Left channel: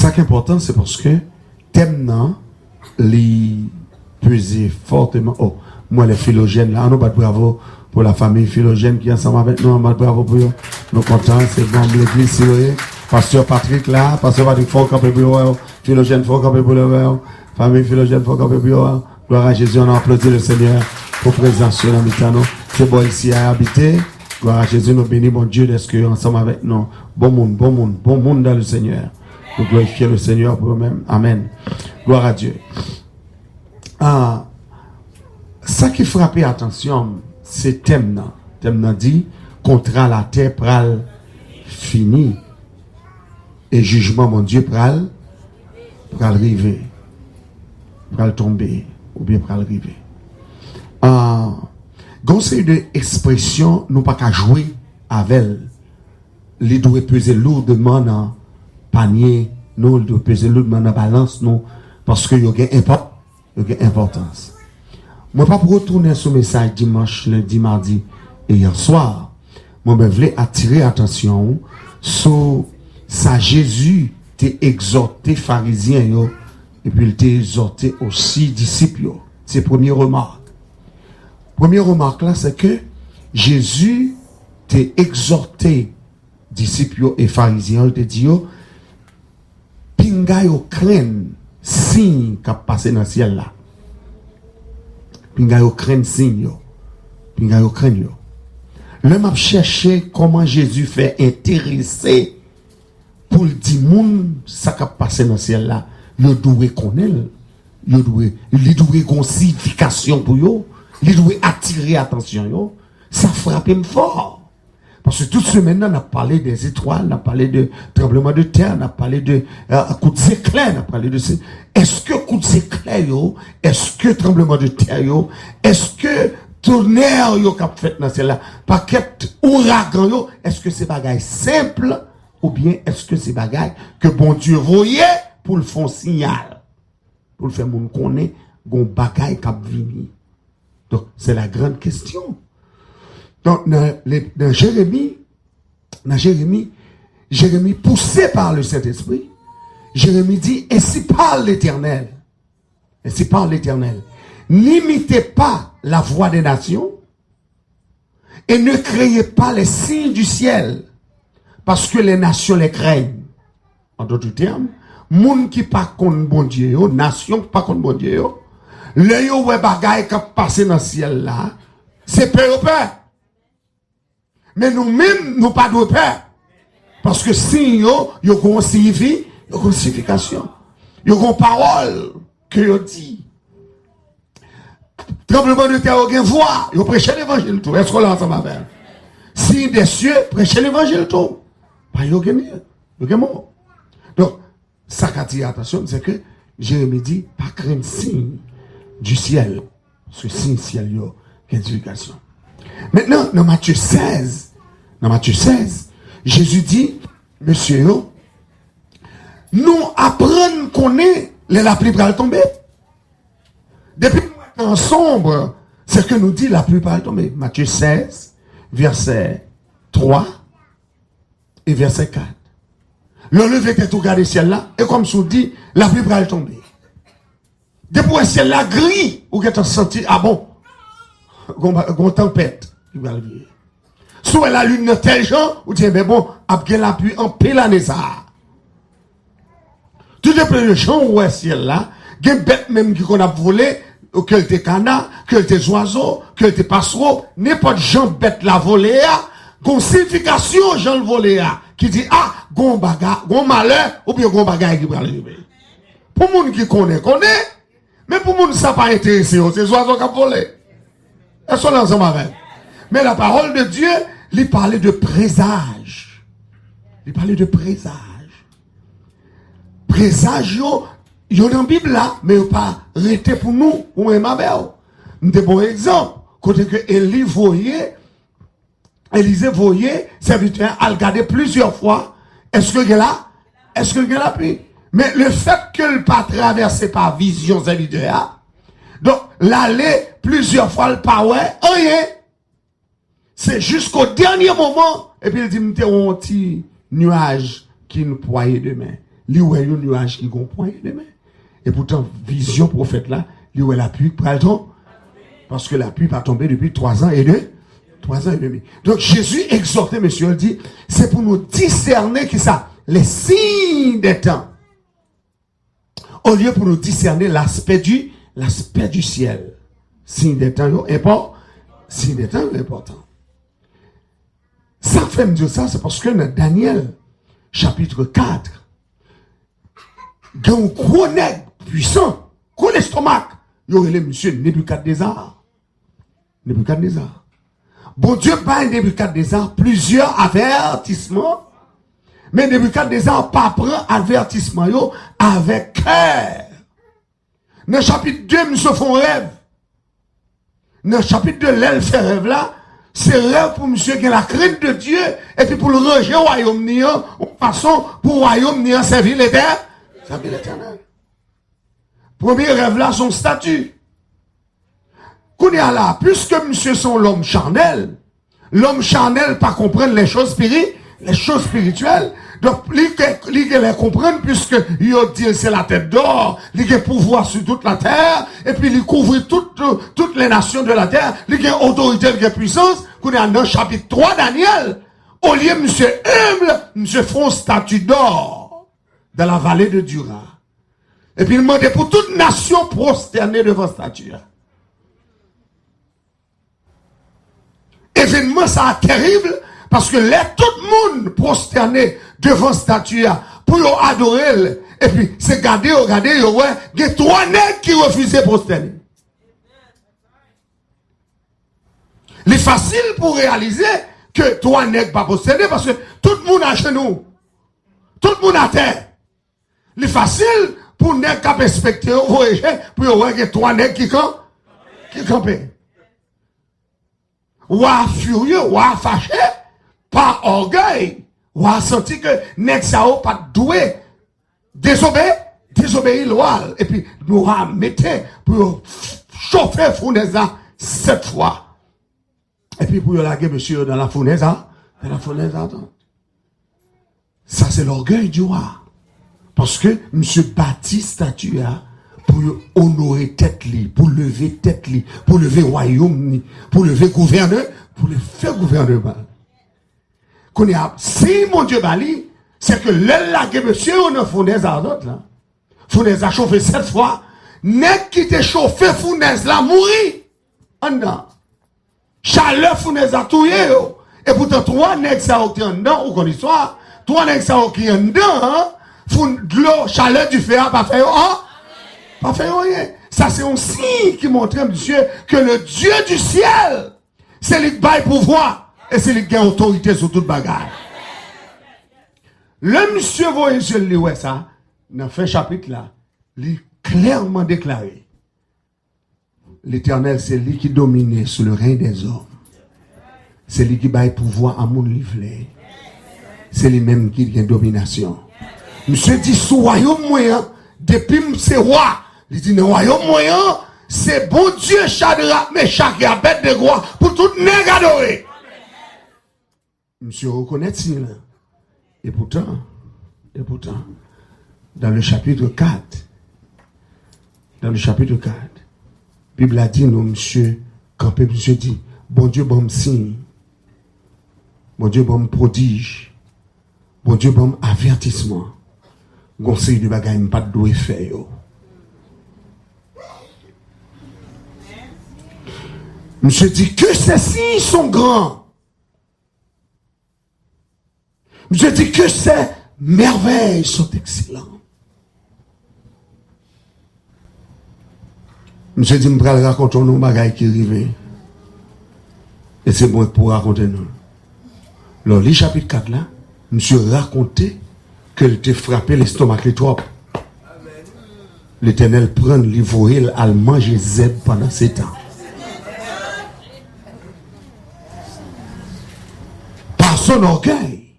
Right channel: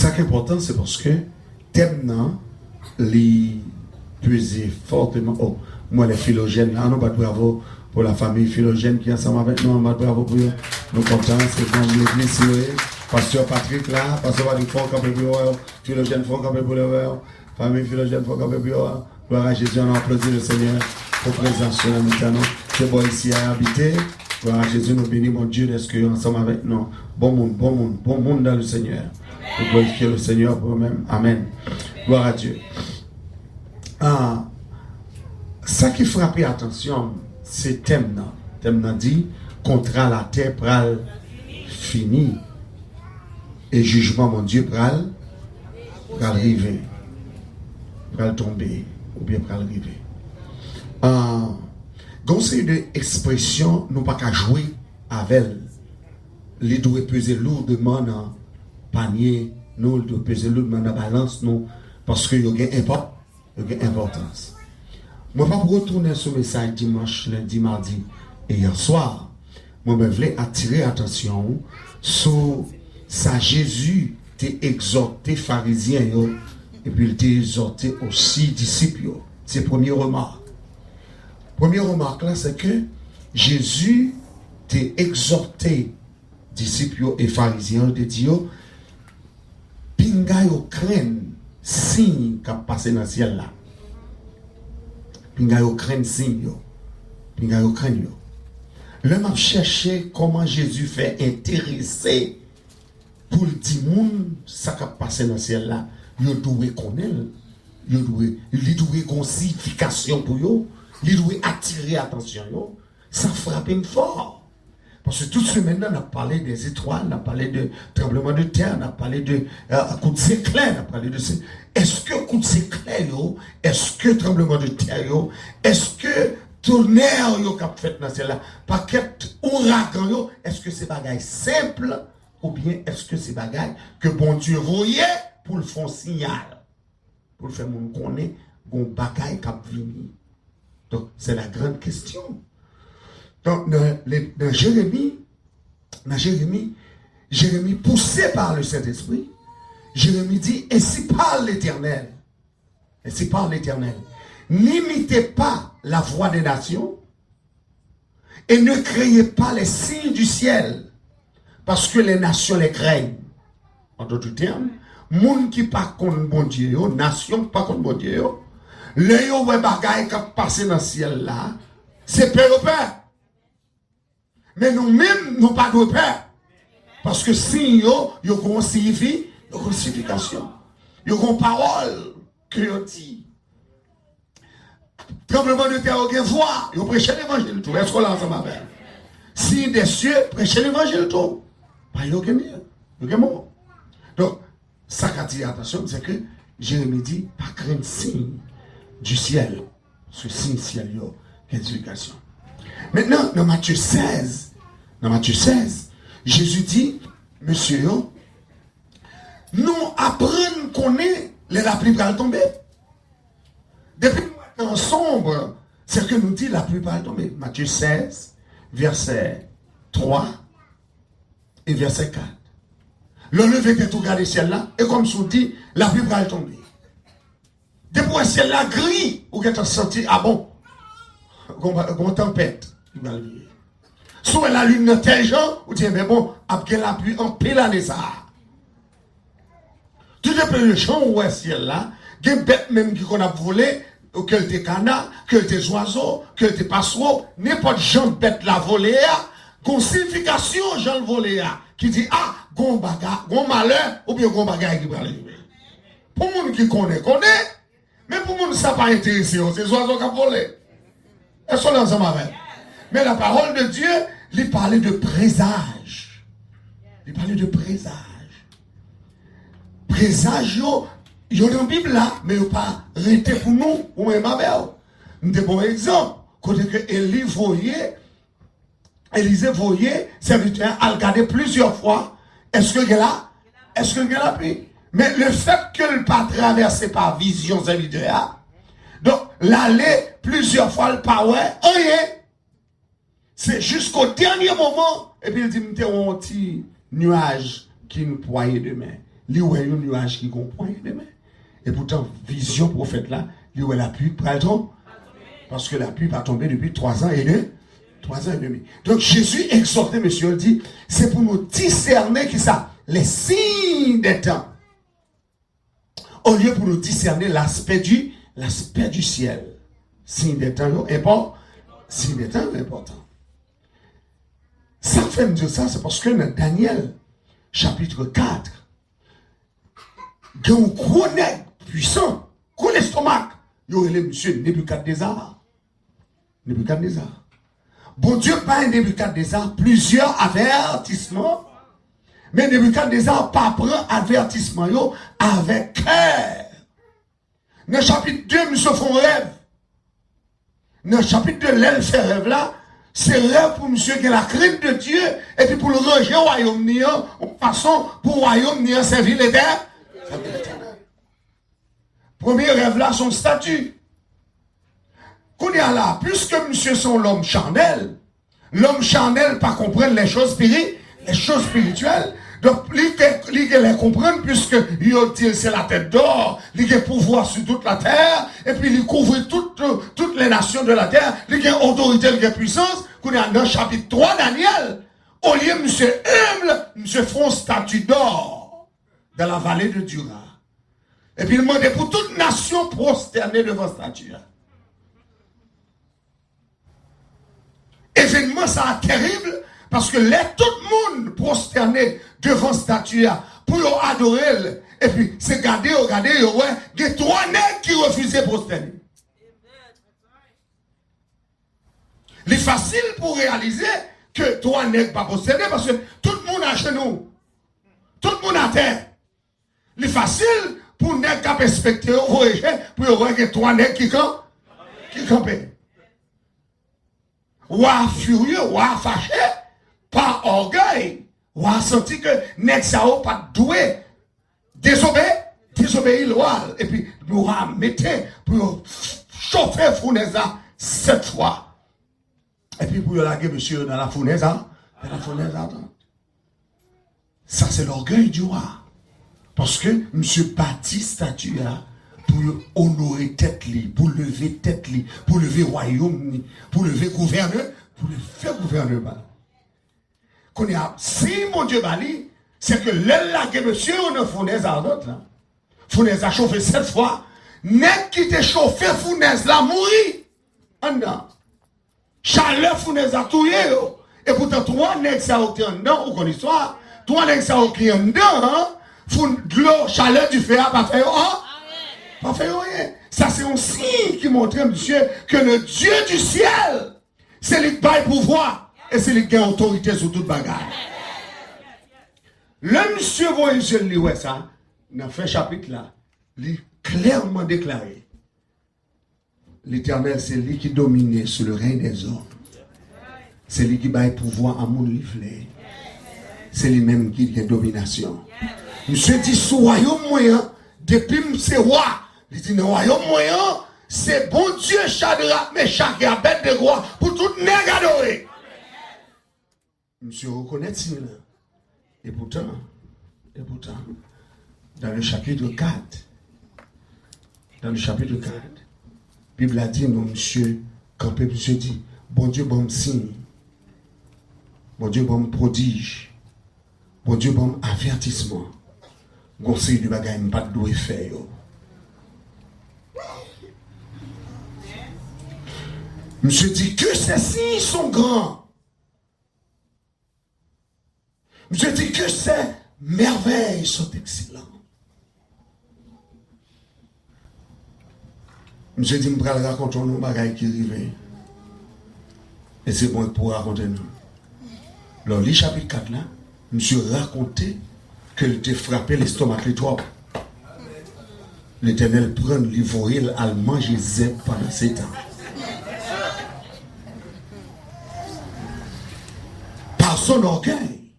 Ça qui est important, c'est parce que thème les peser fortement. Oh, moi les philogènes là, on bat bravo pour la famille philogène qui est ensemble avec nous, on bat bravo pour eux. Nous contents, c'est comme l'église Siloé. Pasteur Patrick là, Pasteur Patrick faut camper pour eux, philogène faut camper pour eux, famille philogène faut camper pour eux. Gloire à Jésus, on a applaudi le Seigneur pour présence sur la mitano. C'est bon ici à habiter. Gloire à Jésus, nous bénissons mon Dieu d'être ensemble avec nous. Bon monde dans le Seigneur. Pour glorifier le Seigneur pour nous-mêmes. Amen. Gloire à Dieu. Ça qui frappe attention, c'est thème là. Thème là dit, contrat la terre pral fini. Et jugement, mon Dieu, pral arriver. Pral tomber. Ou bien pral arriver. Conseil de expression, nous pas qu'à jouer avec elle. Les doit peser lourdement dans panier, nous doit peser lourdement dans balance, nous, parce qu'il y a importance. Moi, pas pour retourner ce message dimanche, lundi, mardi et hier soir, moi, je voulais attirer attention sur ça. Jésus t'a exhorté pharisiens, et puis il t'a exhorté aussi disciples. C'est la première remarque. Première remarque là, c'est que Jésus t'a exhorté, disciples et pharisiens, il t'a dit, pinga yo craigne signe qui a passé dans le ciel là. Pinga yo craigne signe yo. Pinga yo craigne yo. L'homme a cherché comment Jésus fait intéresser pour le dire moun ça qui a passé dans le ciel là. Il doit connaître, il doit une signification pour yo. Il doit attirer attention. Yo. Ça frappe fort. Parce que toute semaine, on a parlé des étoiles, on a parlé de tremblement de terre, on a parlé de coups d'éclair, on a parlé de ça. Est-ce que coups d'éclair, est-ce que tremblement de terre, est-ce que tonnerre qu'a fait dans celle-là, paquet ouragan, est-ce que c'est bagaille simple ou bien est-ce que c'est bagaille que bon Dieu voyait pour le faire signal, pour le faire mon connaître, gon bagaille qu'a venir. Donc, c'est la grande question. Donc, dans Jérémie, poussé par le Saint-Esprit, Jérémie dit, ainsi parle l'Éternel. Ainsi parle l'Éternel. N'imitez pas la voix des nations et ne créez pas les signes du ciel, parce que les nations les craignent. En d'autres termes, moun qui pas contre bon Dieu, nation pas contre bon Dieu, le yo ouais bagaille qui passé dans le ciel là, c'est peur. Mais nous-mêmes, nous pas de peur. Parce que si yo ont signifié, yo ont signification. Yo ont parole que yo dit. Tremblement de terre, yo ont voix. Yo prêché l'évangile tout. Est-ce qu'on l'a ensemble avec? Si des cieux, prêché l'évangile tout. Pas yo ont mieux. Yo ont mort. Donc, ça qu'a dit attention, c'est que Jérémie dit, pas craindre signe du ciel. Ce signe ciel, yo, qu'éducation. Maintenant, dans Matthieu 16, Jésus dit, monsieur, nous apprenons qu'on est la pluie va tomber. Depuis le temps sombre, c'est ce que nous dit la pluie va tomber. Matthieu 16, verset 3 et verset 4. Le lever que tout regarde le ciel là, et comme ça dit, la pluie va tomber. Depuis le ciel là gris, ou que tu as senti, ah bon, une tempête. Soit la lune de tel genre, ou tu dis, bon, après la pluie, en pile l'année ça. Tout est le champ où est ciel là, il y a une bête même qui qu'on a volé, que des canards, que des oiseaux, que des passereaux, n'importe genre bête la volée, gon signification, j'en le volé, qui dit, ah, gon bagarre, gon malheur, ou bien gon bagarre qui va arriver. Pour les gens qui connaissent, mais pour les gens qui ne sont pas intéressés, c'est les oiseaux qui ont volé. Elles sont là ensemble avec. Mais la parole de Dieu, il parlait de présage. Il parlait de présage. Présage, il y a dans la Bible là, mais il n'y a pas arrêté pour nous, ou même avec nous. Nous avons un exemple. Côté que Élisée voyait, serviteur, a regardé plusieurs fois. Est-ce que il est là? Est-ce que il est là? Mais le fait que le pas traversé par vision serviteur, donc l'aller plusieurs fois le pas ouais, rien. C'est jusqu'au dernier moment, et puis il dit, nous avons un petit nuage qui nous poignait demain. il y a un nuage qui comprend les mains. Et pourtant, vision prophète là, il y a la pluie pour le temps. Parce que la pluie va tomber depuis 3 ans et demi. 3 ans et demi. Donc Jésus exhortait, monsieur, il dit, c'est pour nous discerner qui ça, les signes des temps. Au lieu pour nous discerner l'aspect du ciel. Signe des temps, important. Signe des temps, important. Ça fait me dire ça, c'est parce que dans Daniel, chapitre 4, il y a un gros nègre puissant, gros estomac. Il y aurait le monsieur Nebuchadnezzar. Nebuchadnezzar. Bon Dieu bat Nebuchadnezzar plusieurs avertissements, mais Nebuchadnezzar pas prend avertissement yo avec cœur. Dans le chapitre 2, monsieur font rêve. Dans le chapitre 2, l'elle fait rêve là, c'est rêve pour monsieur qui a la crainte de Dieu, et puis pour le ranger au royaume niant, en façon pour le royaume niant servir l'éternel. Premier rêve là, son statut. Qu'on est là, puisque monsieur sont l'homme charnel pas comprendre les choses spirituelles. Donc, il les comprendre puisque il dit c'est la tête d'or, il a pouvoir sur toute la terre, et puis il couvre toutes les nations de la terre, il a autorité, il a puissance. Qu'on est dans le chapitre 3 Daniel, au lieu monsieur humble, monsieur font statue d'or dans la vallée de Dura. Et puis il demandait pour toute nation prosternée devant statue. Événement ça terrible parce que tout le monde prosterné devant statue pour adorer et puis c'est regarder ouais il y a 3 nègres qui refusaient prosterner. Il est facile pour réaliser que 3 nègres pas prosterner parce que tout le monde à genoux, tout le monde à terre. Il est facile pour nègres qui respecter pour voir que 3 nègres qui campent. Ou à furieux, ou à fâché, par orgueil, ou à senti que nèg sa ou pas doué, désobéir loi, et puis nous mettez pour chauffer fournaise 7 fois. Et puis pour laguer monsieur dans la fournaise, ça c'est l'orgueil du roi. Parce que monsieur bâtit statue pour honorer tête li, pour lever tête li, pour lever royaume li, pour lever gouverneur, pour le faire gouvernement. Qu'on y a, si mon Dieu bali, c'est que l'aile la monsieur on a fournaise à d'autres là. Fournaise a chauffé 7 fois, n'est qui te chauffé fournaise là mourir. En dedans. Chaleur fournaise a touye yo. Et pourtant 3 nègres ça qui en dedans ou qu'on histoire, 3 nègres ça qui en dedans, de l'eau, chaleur du feu a pas fait pas fait rien. Ça c'est un signe qui montre monsieur que le Dieu du ciel, c'est lui qui baille pouvoir et c'est lui qui a autorité sur toute bagarre. Le monsieur voyez je lit ouais ça dans fin chapitre là, il clairement déclaré l'Éternel c'est lui qui domine sur le règne des hommes. C'est lui qui baille pouvoir à mon livre. C'est lui-même qui a domination. Monsieur dit sous royaume moyen depuis c'est roi. Il dit, le royaume moyen, c'est bon Dieu, Shadrach, Meshach et Abednego pour tout nègre adoré. Monsieur reconnaît ça. Et pourtant, dans le chapitre 4, la Bible a dit, non, monsieur, quand monsieur dit, bon Dieu, bon signe, bon Dieu, bon prodige, bon Dieu, bon avertissement, conseil de bagaille, pas de doigt faire. Monsieur dit que ces signes sont grands. Monsieur dit que ces merveilles sont excellentes. Monsieur dit, je vais raconter nos bagailles qui arrivent. Et c'est bon pour raconter nous. Alors, le chapitre 4 là, monsieur racontait qu'elle était frappé l'estomac les trop. L'Éternel prend l'ivoire, elle mange zèbre pendant 7 ans. Son orgueil.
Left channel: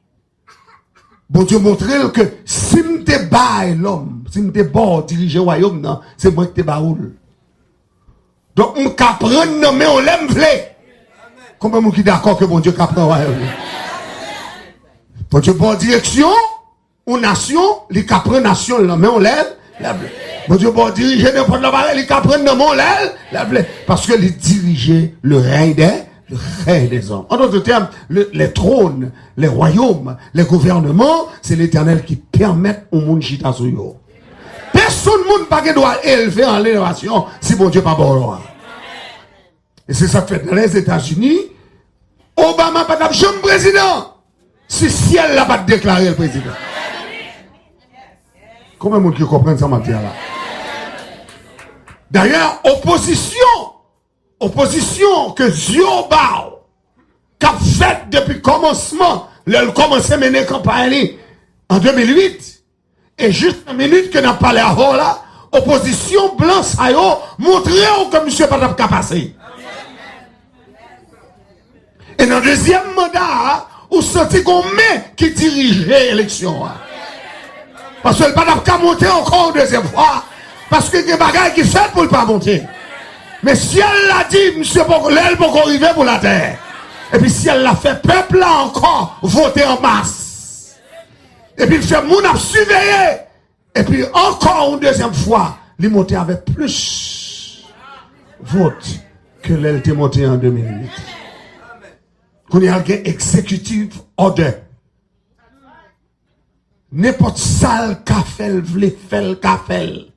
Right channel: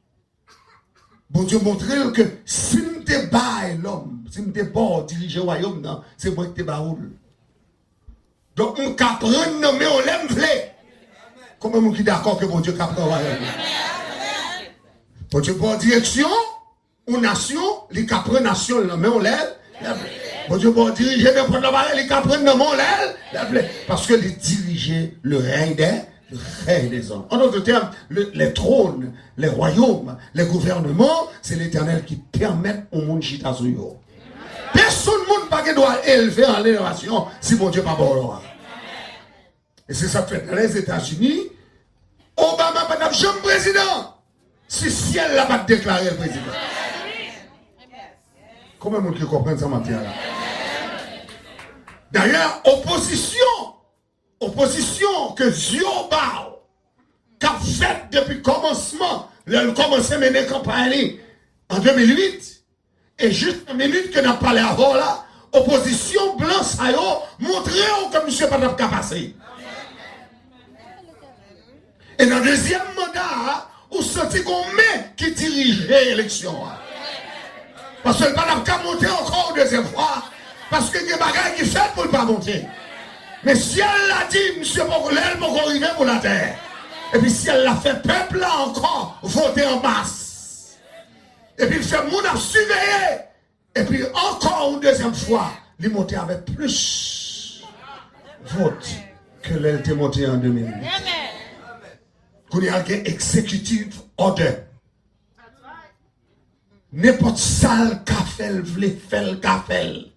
Bon Dieu montrer que si je te baille l'homme, si je te bon diriger le royaume, non, c'est moi qui te baoule. Donc on peut prendre mais on l'aime v'lé. Combien de gens qui sont d'accord que bon Dieu peut prendre le royaume? Bon Dieu bon direction, Une nation, les qui prend nation, mais on lève. Bon Dieu, bon diriger n'importe la barre, les qui prennent dans mon lève. Parce que les diriger le règne des hommes. En d'autres termes, les trônes, les royaumes, les gouvernements, c'est l'Éternel qui permet au monde chita sur eux. Personne ne doit élever en l'élévation si mon Dieu pas bon. Et c'est ça que fait dans les États-Unis. Obama pas de jamais président. Si ciel n'a pas déclaré le président. Combien de monde qui comprend ça matière là? D'ailleurs, opposition que Dieu qu'a fait depuis le commencement, le commencé à mener campagne en 2008, et juste une minute que n'a parlé avant là, opposition blanc ça y montré que monsieur pas de passer. Et dans le deuxième mandat, vous sentez qu'on met qui dirigeait l'élection. Parce que le pas de monter encore une deuxième fois. Parce que il y a des bagages qui fait pour ne pas monter. Mais si elle l'a dit, monsieur, l'aile pour arriver pour la terre. Et puis si elle l'a fait, peuple là encore voter en masse. Et puis il fait moun a surveiller. Et puis encore une deuxième fois, il monter avec plus vote que l'aile était montée en 2008. Qu'on y a un exécutif order. N'importe salle qu'a fait, vle fait le café.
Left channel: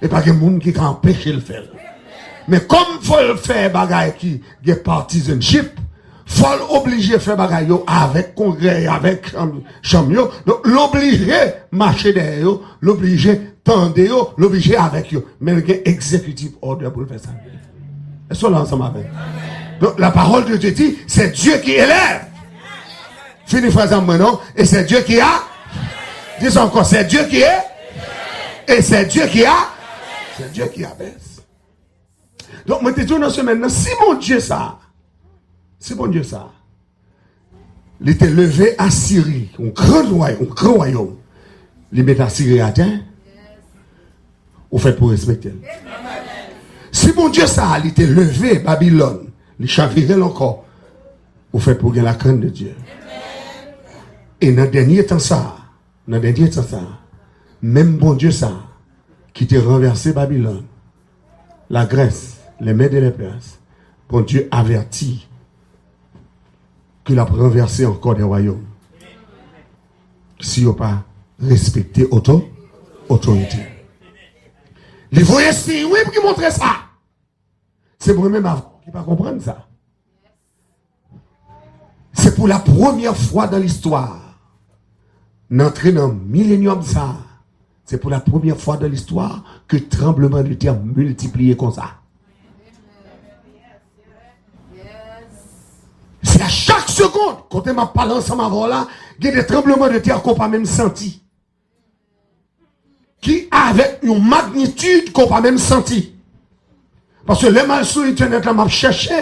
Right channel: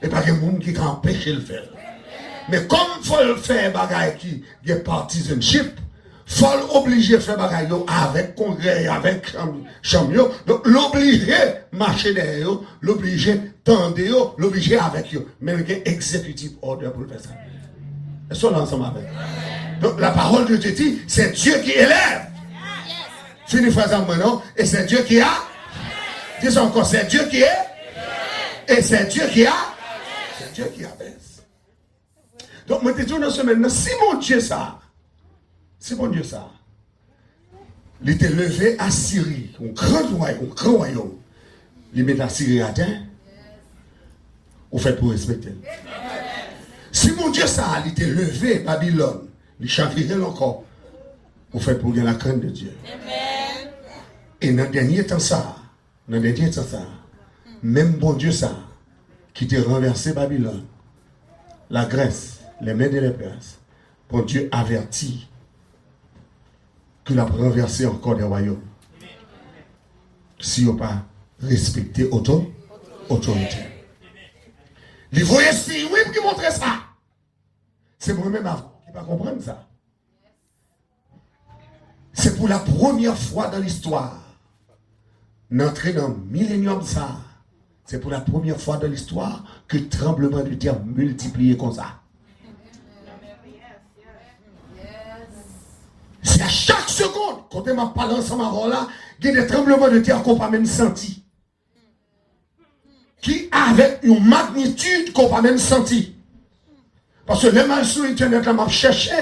Et pas de monde qui empêche le faire. Mais comme il faut le faire bagaille qui est partisanship, il faut l'obliger à faire bagaille avec congrès, avec chambre, donc l'obliger marcher derrière, l'obliger tendre, l'obliger avec eux. Mais il y a un exécutif order pour faire ça. Est-ce que l'ensemble avec? Donc la parole de Dieu dit, c'est Dieu qui élève. Fini phrase en maintenant, et c'est Dieu qui a. Dis encore, c'est Dieu qui est. Et c'est Dieu qui a. C'est Dieu qui abaisse. Donc, moi, je te dis dans ce maintenant, si mon Dieu ça, il était levé à Syrie, un grand royaume, il met à Syrie à terre, au fait pour respecter. Si mon Dieu ça, il était levé Babylone, il chavirait encore, au fait pour gagner la crainte de Dieu. Et dans le dernier temps ça, même bon Dieu ça, qui t'a renversé Babylone, la Grèce, les Mèdes et les Perses, bon Dieu avertit qu'il a renversé encore des royaumes. Si on n'a pas respecté autorité. Les voyez si, oui, pour qui montrer ça. C'est moi-même avant qui ne pas comprendre ça. C'est pour la première fois dans l'histoire, d'entrer dans le millénium ça. C'est pour la première fois dans l'histoire que le tremblement de terre multiplié comme ça. C'est à chaque seconde, quand on m'a parlé ensemble avant là, il y a des tremblements de terre qu'on n'a pas même senti. Qui avec une magnitude qu'on n'a pas même senti. Parce que les mal sur Internet là m'a cherché,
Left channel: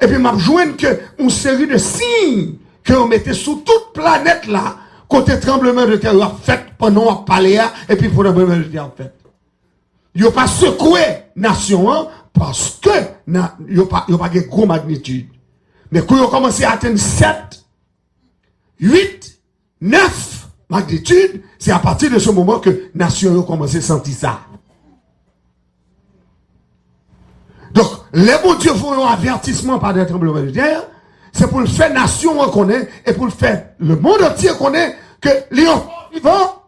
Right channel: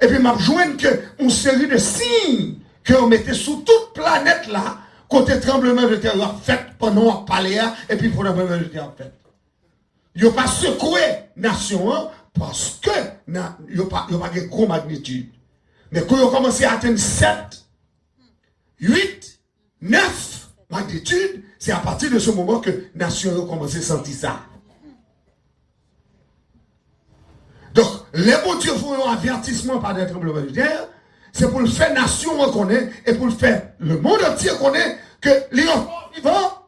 et puis m'a joint que une série de signes qu'on mettait sur toute planète là, côté tremblement de terre a fait pendant qu'on parlait, et puis pour le tremblement de terre fait. Il n'a pas secoué la nation parce que il n'a pas de gros magnitude. Mais quand ils ont commencé à atteindre 7, 8, 9 magnitudes, c'est à partir de ce moment que la nation a commencé à sentir ça. Donc, les bons dieux font un avertissement par des tremblements de terre, c'est pour le faire nation reconnaître et pour le faire le monde entier reconnaître que les enfants vivants,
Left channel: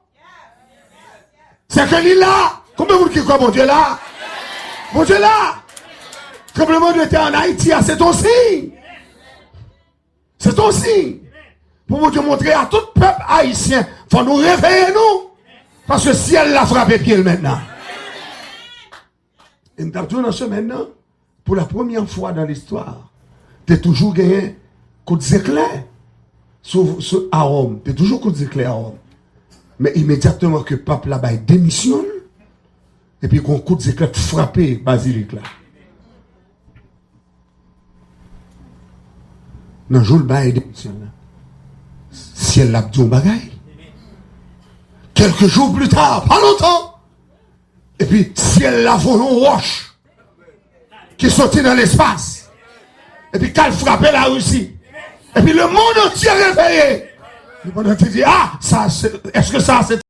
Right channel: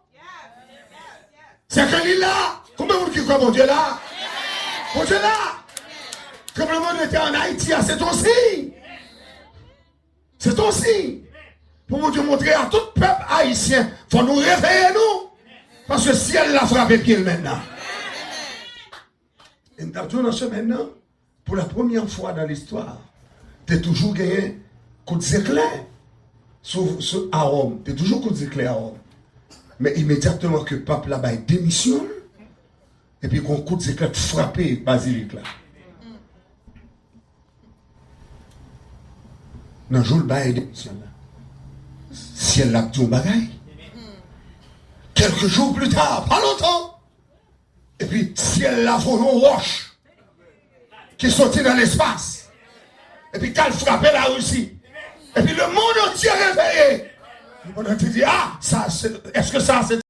c'est que l'île là, combien de monde qui croit mon Dieu là? Mon Dieu là! Tremblement de terre en Haïti, c'est ton signe. C'est ton signe. Pour vous montrer à tout peuple haïtien, il faut nous réveiller nous. Parce que si elle l'a frappé pied maintenant. Et nous avons dans ce maintenant, pour la première fois dans l'histoire, tu as toujours gagné coup d'éclair sur Rome. Tu as toujours coup d'éclair à Rome. Mais immédiatement que le pape là-bas démissionne, et puis qu'on coup d'éclair frappé basilique là. Dans le jour le bail démissionne. Si elle l'a dit au bagaille, quelques jours plus tard, pas longtemps, et puis si elle l'a volé au roche, qui sortit dans l'espace, et puis qu'elle frappait la Russie, et puis le monde entier réveillé, Tu dis, ah, ça, est-ce que ça, c'est